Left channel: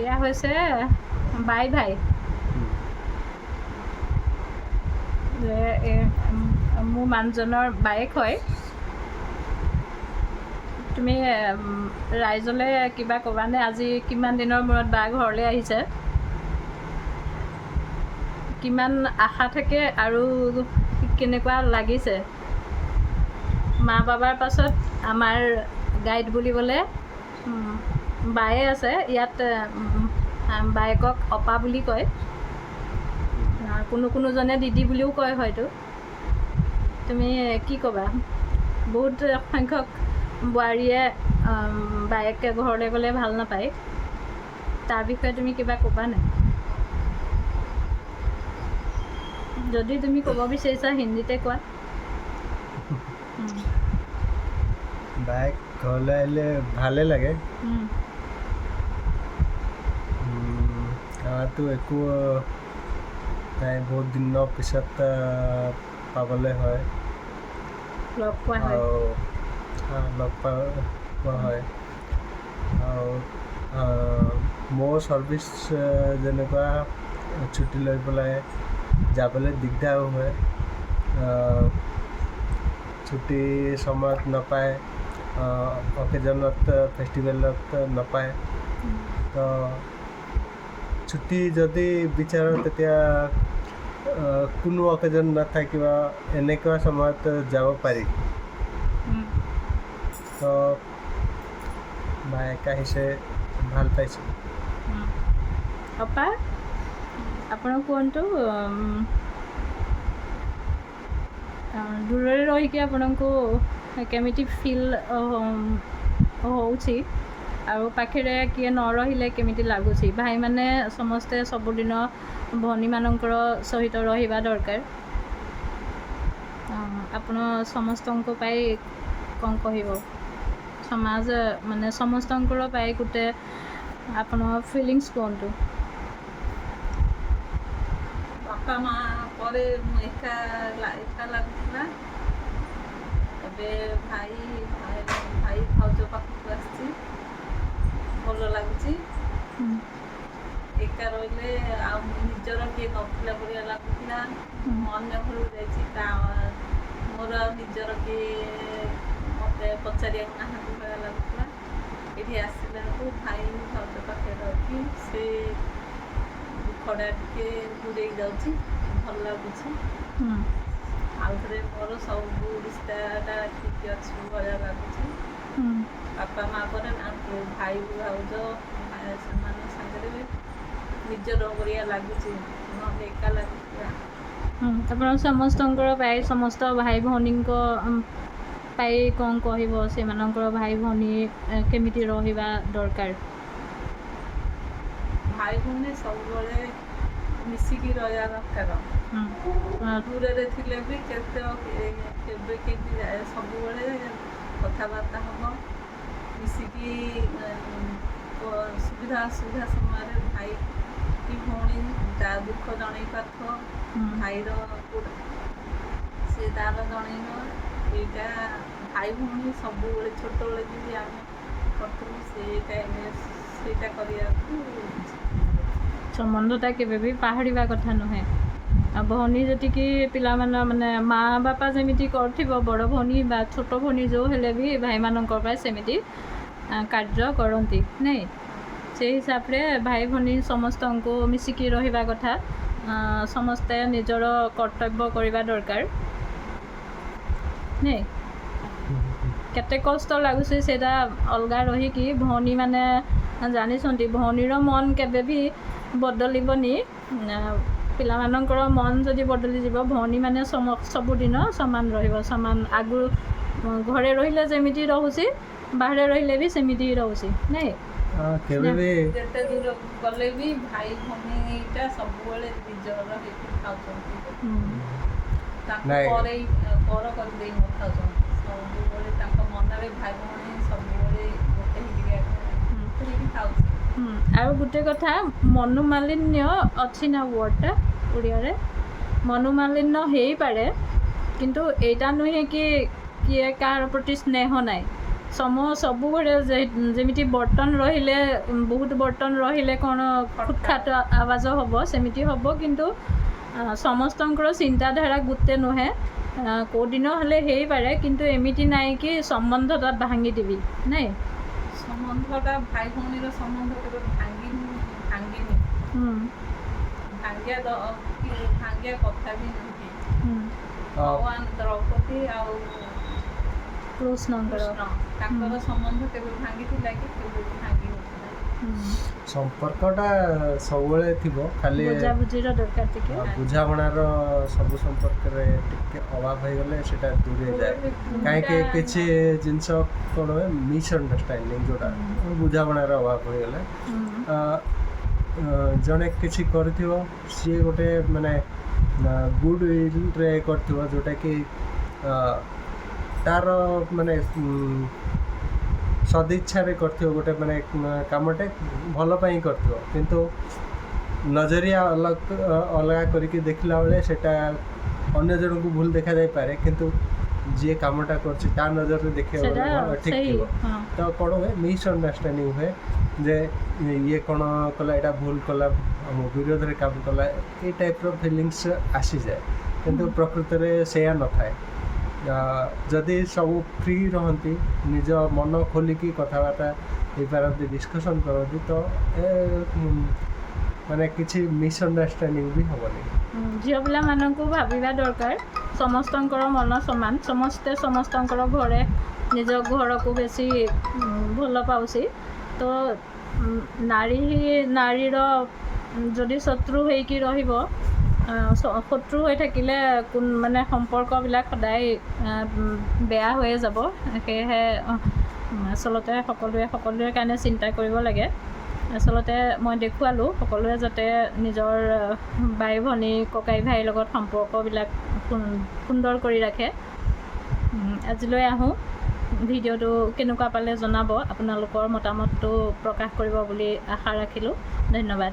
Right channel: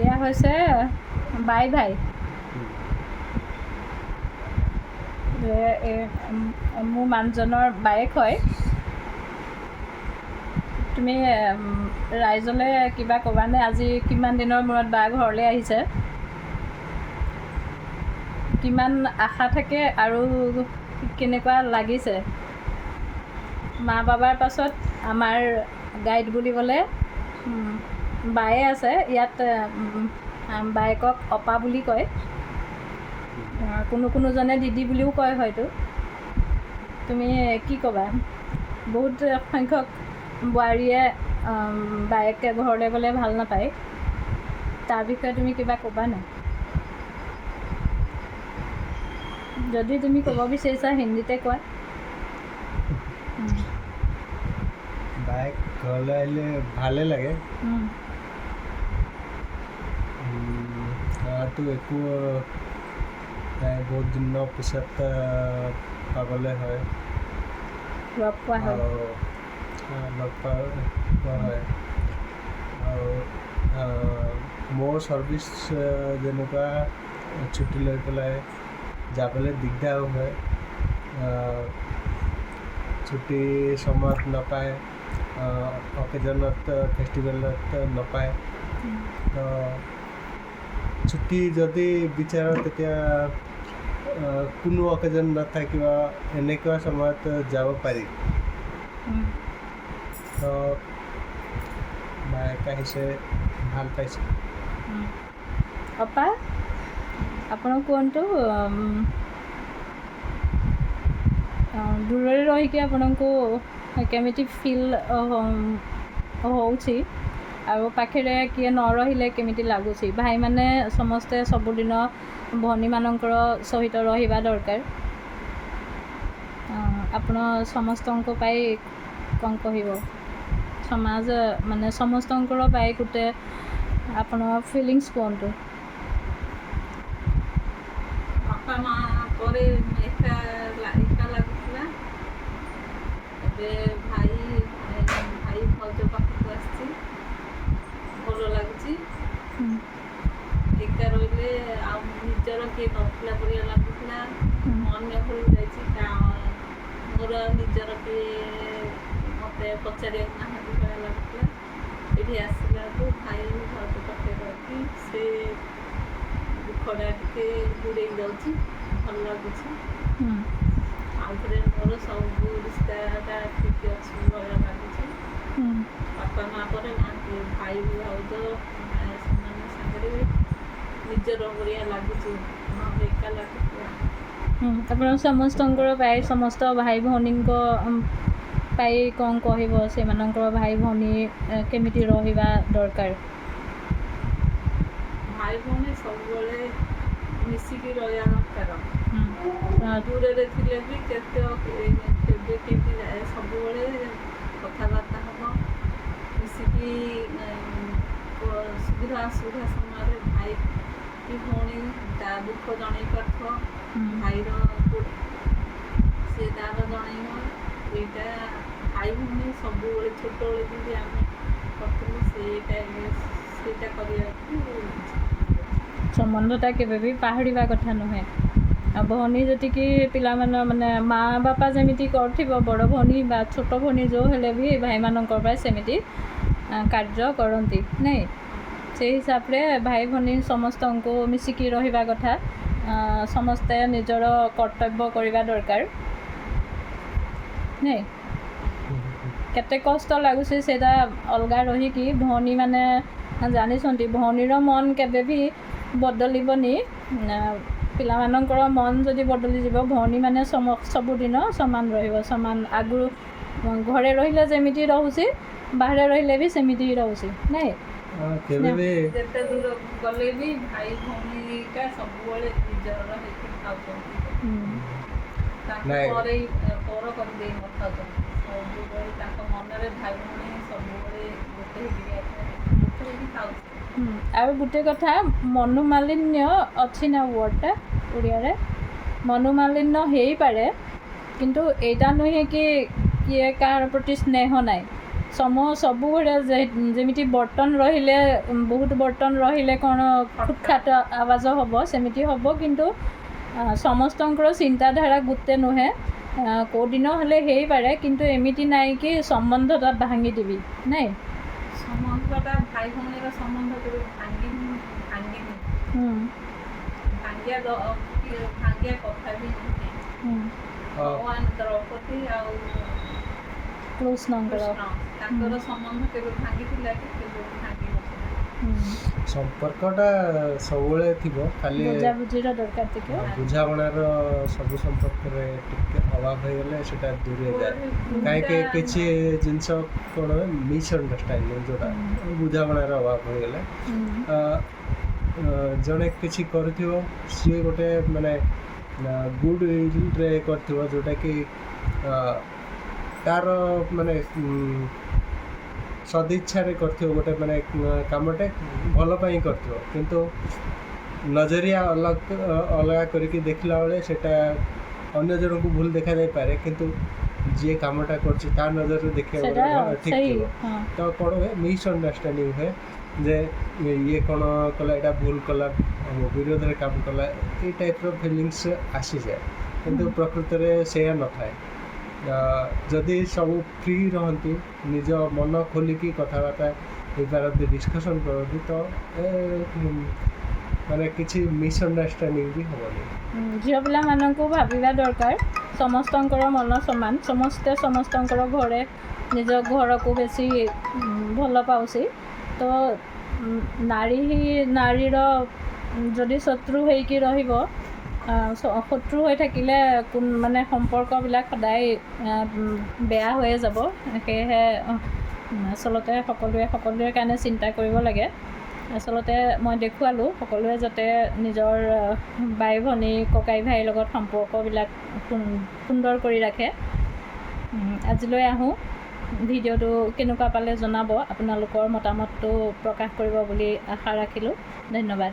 এয়া হৈছে বাই ভাই। মোৰ মানুহজনৰ বায়েক হয়। তুমি ৰাইজলৈ কিবা ক'বানে? আজি কিমান দিনৰ মূৰত বা ঘৰলৈ আহিছে? কিমান আশা থাকে আৰু কেনেকুৱা লাগিছে? মা বাবাৰ পাছত আমাৰ গাইড বুলিবলৈ বায়ে আছে ইয়াত। বায়েকক অপা বুলি কয়, কোনোজনে দিদি বুলিও কয় হয়তো। তুমি কি ক'বা? বহুত সংখ্যক বোৱাৰীয়ে বায়েকে ঘৰলৈ গ'লে ভাল নাপায়, তাৰ বিষয়ে তুমি কিবা ক'বা নাই? যদি তুমি ক'ব বিচাৰিছা হিন্দীতে কোৱা। বায়েক ঘৰলৈ আহিলে ভালেই লাগে। তো একো নাই, বহুত দিনৰ পিছত পাবলৈ হয়, লগ পোৱা হয়। লগ পোৱা হয়। আৰু মোৰ ছাৰ্ভিচ যেনেকুৱা ছুটি লৈ পেলাই যাবলৈ দিগদাৰো হয়, ছুটি সময়ত নাপায়, অকেজনত ফেষ্টিভেলত নাপায়। তো ছুটি যদি বিচাৰোঁ তেতিয়া কোনো অকেজন নাথাকিব, এনেকুৱা সময়ত যাব পাৰি। তো বায়েক আহিছে, ভাল ପାଇছে। ଅପା ଆପଣ କୁହନ୍ତୁ, ଦୂରରେ ରହିକି ଆପଣଙ୍କୁ କେମିତି ଫିଲ୍ ହେଉଛି ଆଉ ପାଖରେ କିଏ ନ ରହିଲେ କେମିତି ଲାଗୁଛି? ଭାଇମାନେ ସମସ୍ତେ ସବୁଦିନ ଭଉଣୀମାନଙ୍କର ସହିତ ରହିବା ଦରକାର। ଆପଣ ସମସ୍ତଙ୍କ ପାଇଁ କ'ଣ କହିବ? ସମାଜ ମାନେ ସମସ୍ତଙ୍କର ପାଇଁ ଗୋଟେ ଆପଣ ଫିଲିଙ୍ଗସ୍ କୁହନ୍ତୁ। ବାପା ମା ପରେ ଏକା ଲାଗୁଥିଲା, ଏବେ ଭାଇ ଭାଉଜ ପାଖକୁ ଆସିଛି, ଭଲ ଲାଗୁଛି। ଏକା ରହିଲେ ଆଉ ନିଜର କିଏ ନଥିଲା ପରିଆ ଲାଗୁଥିଲା। ଅନ୍ୟ ଘରକୁ ଯାଇଛି, ମୋର ଆଉ ନିଜର କିଏ ମୋତେ ପଚାରିବାକୁ ନାହାନ୍ତି ଭଳିଆ ଲାଗୁଥିଲା। ଏଠି ଆସିଲାକୁ ଭାଇ ଭାଉଜ ପାଖରେ ରହିକି ସେ ଦୁଃଖଟା ଟିକେ ଦୂରେଇ ଯାଉଛି, ଭଲ ଲାଗୁଛି। ଆଉ ଥରେ ମୋର ସବୁ ରିସ୍ତାଟା ଠିକ୍ ଅଛି ଭଳିଆ ଲାଗୁଛି। ବାପା ମା ପରେ ନାହାନ୍ତି, ଭାଇ ଭାଉଜ ସେମାନେ ସାଙ୍ଗରେ ନିଜର ଭଳିଆ ଲାଗୁଛି, ନହେଲେ ଏକା ଲାଗୁଥିଲା। ଆପଣ ସମସ୍ତଙ୍କର ପାଇଁ, ସମସ୍ତ ଭାଇ ଭଉଣୀଙ୍କ ପାଇଁ କ'ଣ କହିବ? ସେମାନଙ୍କର ଭାଇ ଭଉଣୀ କେମିତି ରହିବା ଦରକାର? ଭାଇ ଭଉଣୀ ସବୁବେଳେ ମିଶିକି ରହିବା ଦରକାର। ଦୂରରେ ଥିଲେ ବି କେବେ କେମିତି ସବୁବେଳେ କଥାବାର୍ତ୍ତା ହେବ, ମିଶିକି ସୁବିଧା ଅସୁବିଧା ସମୟରେ ଭାଇ କି ଭଉଣୀ ତା ଦୁଃଖ ଜଣେଇ ପାରୁଥିବ, ଭାଇର ସେ ତାର ଜଣେଇବ। ଏଇଟା ଭାଇ ଭଉଣୀ ସବୁବେଳେ ଛୋଟବେଳେ ଯେମିତି ଆମେ କରିଥିଲୁ ସେଇଟା କରିବାକୁ। ସମ୍ବନ୍ଧଟା କେବେ ବି ପାହଡ଼ିବା କଥା ନୁହେଁ। ଆଉ ଭଉଣୀ ଯେତିକି ପିଲାମାନେ ମାନେ ମା' ବାପା ଯେମିତି କରୁଥିବ, ବଡ଼ ଭଉଣୀ ବା ଛୋଟ ଭଉଣୀ ଯେଉଁ ହେଲେ ବି ଭାଇମାନଙ୍କ ପାଇଁ ସେମିତି କାର୍ଯ୍ୟ କରନ୍ତି ନାଇଁ। ସେଇ ହିସାବରେ ଭାଇ ଭଉଣୀ ସମସ୍ତଙ୍କୁ ମିଶିକି ରହିବା କଥା। ସମସ୍ତେ ନିଜର କର୍ତ୍ତବ୍ୟ କରିବା ଦରକାର ନାଇଁ। କେତେ କଷ୍ଟ ଲାଗୁଛି ସେଇଟା ଅଲଗା ରହିକି, ଭଉଣୀମାନେ ଜାଣିଛନ୍ତି ଭଉଣୀର ମନ କେବେ ବି ବଦଳିବନି। ପିଲାମାନଙ୍କର ମନ ଯଦି ବଦଳିଯିବ, ଭଉଣୀମାନେ ସବୁଦିନ ସମାନ ରହିବ। ସମାନ ଆଗରୁ ଘରେ ରହିଲେ ଯେମିତି ରହୁଛି, ବାହାରେ ରହିଲେ ବି ସେମିତି ହିଁ ରହୁଛି ନାଇଁ। ଯେତେ ଦୂର ଗଲେ ବି ଭାଇ ଭଉଣୀଟା ସବୁବେଳେ ନିଜର ହେଇକି ଖାଉଛନ୍ତି, ତାଙ୍କୁ ପର କରିଦେଇ ନଥାଉଛନ୍ତି। ସବୁବେଳେ ତାଙ୍କ ମନରେ ଭାଇ ଭଉଣୀ ସବୁବେଳେ ଗୋଟେ ହେଇକି ଖାଉଛି। ଆଉ ଗୋଟେ କଥା, ମନୋମାଳିନ୍ୟ ଅଛି ନା ୱାର୍ଡ଼ଟା ଓଡ଼ିଆରେ? ମନୋମାଳିନ୍ୟ ହେଇପାରେ, କିନ୍ତୁ ଏଇଟା ନୁହେଁ କି କିଏ କାହାର ପ୍ରତି ସ୍ନେହ ନାହିଁ। ସବୁବେଳେ ଯେମିତି ବର୍ତ୍ତନ ରହିଲେ ବହୁତ ବର୍ତ୍ତନ ରହିଲେ କ'ଣ ଖୁଟଖାଟ ଆବାଜ ହେବ ସେମିତି ହେବ, କିନ୍ତୁ ସମସ୍ତଙ୍କର ଚିନ୍ତାଧାରା ଗୋଟେ ନୁହେଁ। କେଉଁଦିନ ହେଲେ ହେଇପାରେ, କିନ୍ତୁ ଏମିତି ନାହିଁ କି ସମ୍ବନ୍ଧଟା ଭାଙ୍ଗିଦେବି ନାଇଁ। ସମ୍ବନ୍ଧଟା ଭାଇ ଭଉଣୀର ସମ୍ବନ୍ଧ କେବେ ଭାଙ୍ଗିନି। ଭାଙ୍ଗିବା କଥା ବି ନୁହେଁ। ଭଗବାନ ଦ୍ରୌପଦୀ ଆଉ କୃଷ୍ଣଙ୍କର ତାଙ୍କର ସମ୍ବନ୍ଧ କେବେ ଭାଙ୍ଗିଥିଲା କି କେବେ ବି ଭାଙ୍ଗି ନଥିଲା। ସମ୍ପର୍କଟା ସବୁବେଳେ ଥିବ, ଖାଲି ବୁଝାବୁଝିର ଦରକାର ଟିକେ। ବୁଝାମଣାର ସବୁ ସମ୍ପର୍କରେ ଟିକେ ଅଭାବ ହେଇଗଲେ ସେଟା ଦୂରେଇ ଯାଏ। କାହିଁକି କିଛି ଜିନିଷ କ'ଣ ହୁଏ, ମିସ୍ଅଣ୍ଡରଷ୍ଟାଣ୍ଡିଂ ଯେଉଁଟା ବୁଝାମଣାର ଅଭାବ ହେଇଗଲେ ଜଣେ କିଛି କରିଥିବ, ସିଏ ଗୋଟେ ମାନେ ଗୁଡ୍ ୱିଲ୍ରେ କରିଥିବ, ଯେଉଁଟାକି ତାର ମାନେ ସଦିଚ୍ଛାରେ କରିଥିବ, ଗୋଟେ ମାନେ କାମଟେ ଭଲ ପାଇଁ କରିଥିବ, କିନ୍ତୁ ନଜରିଆ ଅଲଗା କରିକି ଦେଖିଲା ବେଳେ ସେଟା ଅନ୍ୟ ଜଣଙ୍କୁ ଭୁଲ ଦେଖାଯାଇପାରେ, କିନ୍ତୁ ଯିଏ କାମଟା କରୁଛି ତା ନଜରରେ ଦେଖିବା ବେଳେ ଠିକ୍ ଥିବ। ତ କ'ଣ ହୁଏ, ମିସ୍ଅଣ୍ଡରଷ୍ଟାଣ୍ଡିଂ ହୁଏ ଯେ ଇଏ କ'ଣ କଲା, ଏଇଟା ଭୁଲ କଲା, ବିରୋଧରେ କାମ କଲା, ଏଇ ଟାଇପ୍ର ଫିଲିଙ୍ଗସ୍ ଆସିଯାଏ। କିନ୍ତୁ ପ୍ରକୃତରେ ସେଇଆ ନଥାଏ। ଯଦି ସବୁ ଫ୍ରି ରହନ୍ତି, ନିଜ ମନ ଖୋଲିକି କଥାବାର୍ତ୍ତା ହେଇପାରନ୍ତି, ଡିସ୍କସନ୍ କରନ୍ତି, ତ ମାନେ କିଛି ମିସ୍ଅଣ୍ଡରଷ୍ଟାଣ୍ଡିଂ ବି ହେବନି। ଝିଅ ପିଲାମାନଙ୍କୁ ଭାବିବା ଦରକାର ସମସ୍ତଙ୍କର ମନ ସମାନ, ସମସ୍ତେ ସମସ୍ତଙ୍କର ଘରେ ନିଜ ଘରକୁ ବେଶୀ ଭଲ ପାଉଛି। ତ ନାରୀର ଯଦି শত্ৰু ହେଇকি ରହିব, শত্ৰু হৈ থাকিলে মানে সম্পৰ্কবিলাক সদায় বেয়া হৈয়ে যাব। সেয়েহে আচলতে সকলোৰে কাৰণে চিন্তা কৰিব লাগে। আচলতে মই দেখুৱালোঁ সকলোৱে যাতে নিজৰ বাই ভনী ককাই ভাইৰ লগত সম্পৰ্কবিলাক সুন্দৰ কৰি ৰাখে। আজিলৈ আহোঁ। ভিডিঅ'টো কেনেকুৱা পালে জনাব, আপোনালোকৰ মতামতটো প্ৰকাশ কৰিব বুলি আশা ৰাখিলোঁ। ধন্যবাদ।